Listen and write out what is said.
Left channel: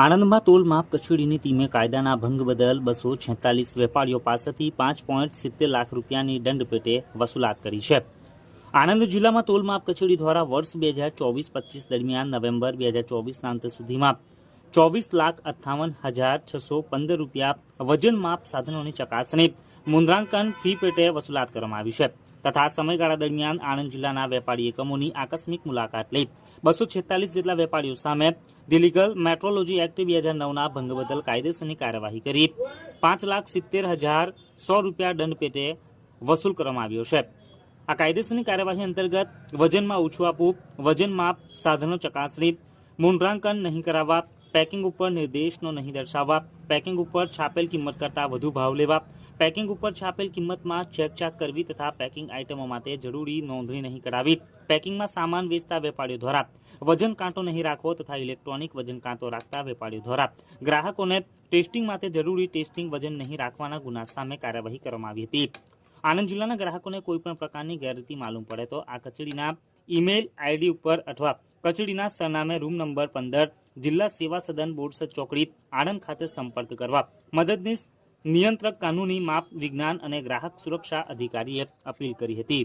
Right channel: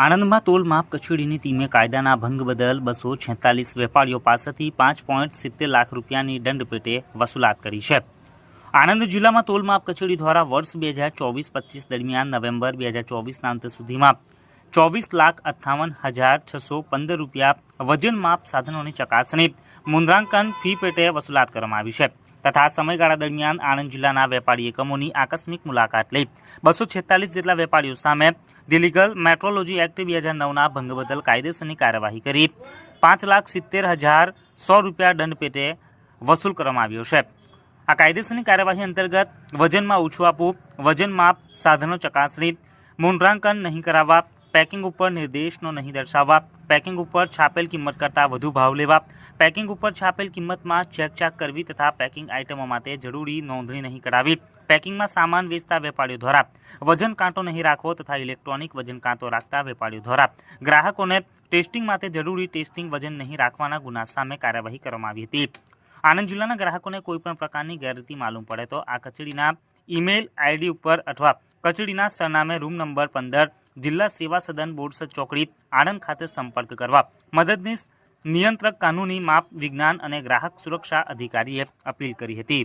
આણંદમાં તોલ માપ કચેરીની ટીમે કાયદાના ભંગ બદલ બસો છેતાલીસ વેપારીઓ પાસેથી પાંચ પોઈન્ટ સિત્તેર લાખ રૂપિયાની દંડ પેટે વસૂલાત કરી છે. આણંદ જિલ્લામાં તોલ માપ કચેરી દ્વારા વર્ષ બે હજાર ચોવીસ પચીસ દરમિયાન નવેમ્બર બે હજાર ચોવીસના અંત સુધીમાં ચોવીસ લાખ અઠ્ઠાવન હજાર છસો પંદર રૂપિયા વજન માપ સાધનોની ચકાસણી, મુદ્રાંકન ફી પેટે વસૂલાત કરવામાં આવી છે. તથા સમયગાળા દરમિયાન આણંદ જિલ્લાના વેપારી એકમોની આકસ્મિક મુલાકાત લઈ બસો છેતાલીસ જેટલા વેપારીઓ સામે દિલીગલ મેટ્રોલોજી એક્ટ બે હજાર નવના ભંગ બદલ કાયદેસરની કાર્યવાહી કરી. પાંચ લાખ સિત્તેર હજાર સો રૂપિયા દંડ પેટે વસૂલ કરવામાં આવ્યો છે. આ કાયદેસરની કાર્યવાહી અંતર્ગત વજનમાં ઓછું આપવું, વજન માપ, સાધનો ચકાસણી મૂંઢરાંકન નહીં કરાવવા, પેકિંગ ઉપર નિર્દેશનો નહીં દર્શાવવા, પેકિંગ ઉપર છાપેલ કિંમત કરતાં વધુ ભાવ લેવા પેકિંગ ઉપર છાપેલ કિંમતમાં ચેકચાક કરવી તથા પેકિંગ આઇટમો માટે જરૂરી નોંધણી નહીં કરાવી પેકિંગમાં સામાન વેચતા વેપારીઓ દ્વારા વજન કાંટો નહીં રાખવો તથા ઇલેક્ટ્રોનિક વજન કાંટો રાખતા વેપારીઓ દ્વારા ગ્રાહકોને ટેસ્ટિંગ માટે જરૂરી ટેસ્ટિંગ વજન નહીં રાખવાના ગુના સામે કાર્યવાહી કરવામાં આવી હતી આણંદ જિલ્લાના ગ્રાહકોને કોઈપણ પ્રકારની ગેરરીતિ માલુમ પડે તો આ કચેરીના ઈમેલ આઈડી ઉપર અથવા કચેરીના સરનામે રૂમ નંબર પંદર જિલ્લા સેવા સદન બોરસદ ચોકડી આણંદ ખાતે સંપર્ક કરવા મદદનીશ નિયંત્રક કાનૂની માપ વિજ્ઞાન અને ગ્રાહક સુરક્ષા અધિકારીએ અપીલ કરી હતી.